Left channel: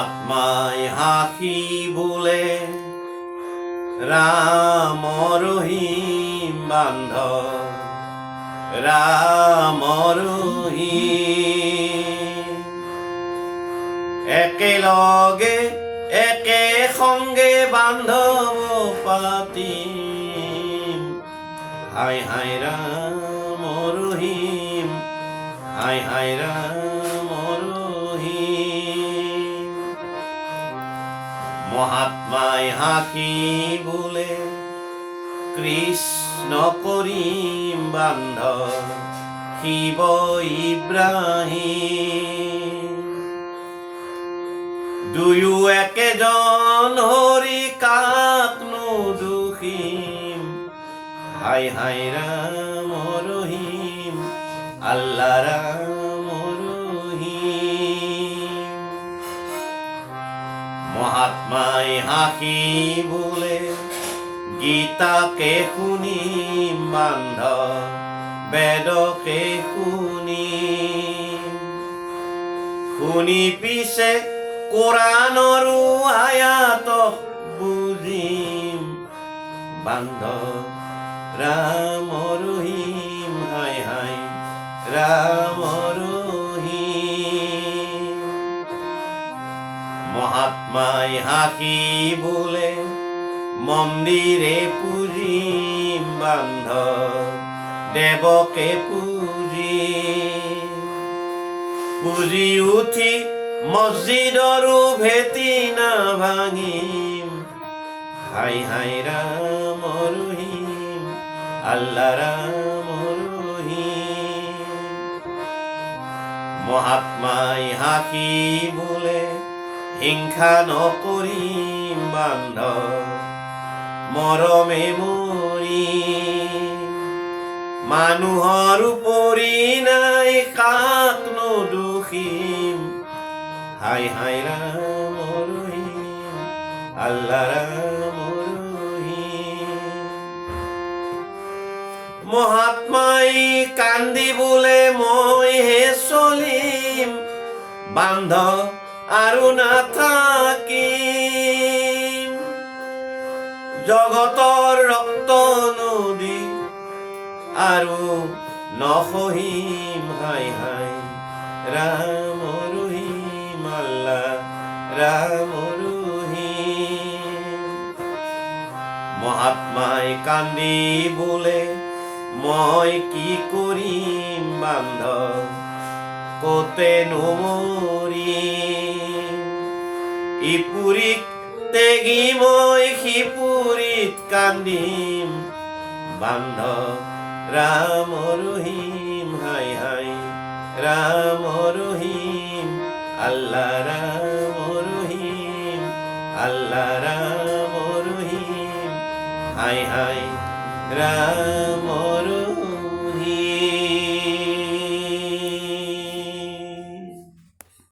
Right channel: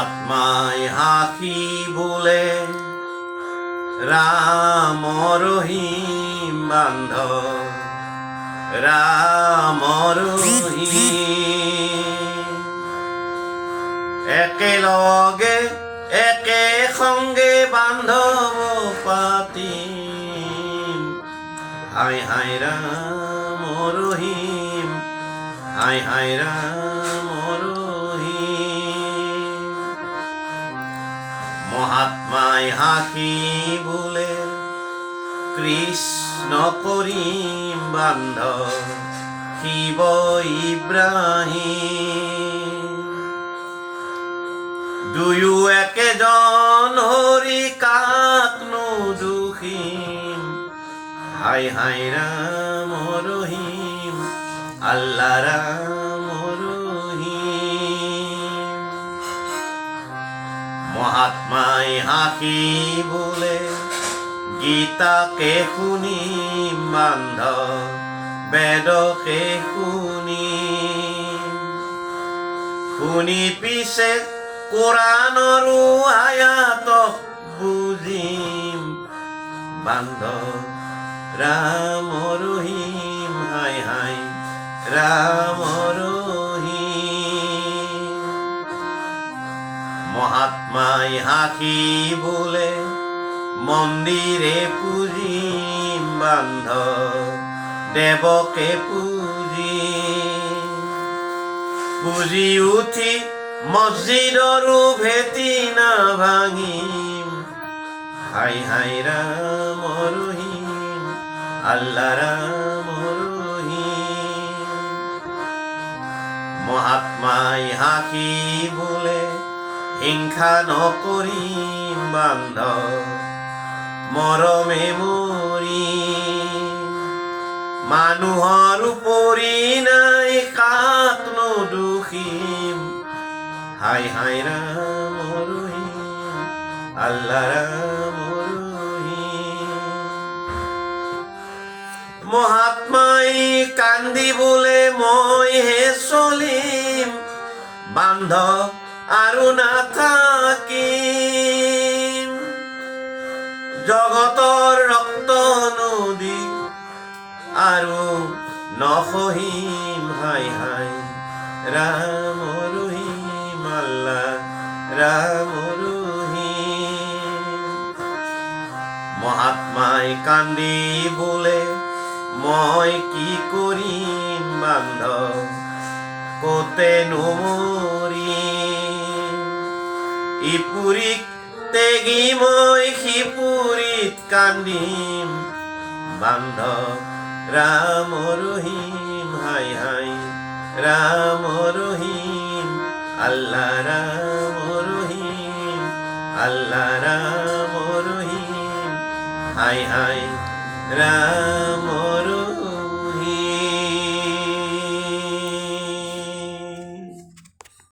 মহাত্মায় হাকি বলে রাম রহিম বান্ধব রাম রহিম একেলগে একে সঙ্গে বান্ধব পাতি হাই হাই রাম রহিম হাই হাই রাম রহিম মহাত্মায় হাকি বলে কৃষ্ণ করিম বান্ধব শিব ইব্রাহিম দুয়ো একেজন হৰি কাকনো দুখিম হাই হাই ৰাম ৰহিম আল্লাহ ৰাম ৰহিম মহাত্মায় হাকি বলে গীতাকে শুনিম বান্ধব বেদকে শুনি পিছে কোৰাণৰো আয়াতক বুজিম বান্ধব ৰাম ৰহিম হাই হাই ৰাম ৰহিম মহাত্মাই হাকি বলে মন্দিৰে পূজিম বান্ধব দেৱকে পুজি উঠি মছজিদৰো ভেটি নাভাঙিম হাই হাই ৰাম ৰহিম আল্লাহ ৰাম ৰহিম মহাত্মাই হাকি বলে হিংসা নকৰিম বান্ধব মৰমে মৰিম মানুহৰ উপৰি নাই কাকনো দুখিম হাই হাই ৰাম ৰহিম আল্লাহ ৰাম ৰহিম মহাত্মাই কান্দি বোলে মই হে চলিম বান্ধব আৰু নাথাকিম জগতৰ ৰক্ত নদী আৰু নসহিম হাই হাই ৰাম ৰহিম আল্লাহ ৰাম ৰহিম মহাত্মাই কান্দি বোলে মই কি কৰিম বান্ধব কতে নমৰিম ইপুৰীক তেগি মই সিপুৰীত কান্দিম বান্ধব ৰাম ৰহিম হাই হাই ৰাম ৰহিম আল্লাহ ৰাম ৰহিম আল্লাহ ৰাম ৰহিম হাই হাই ৰাম ৰহিম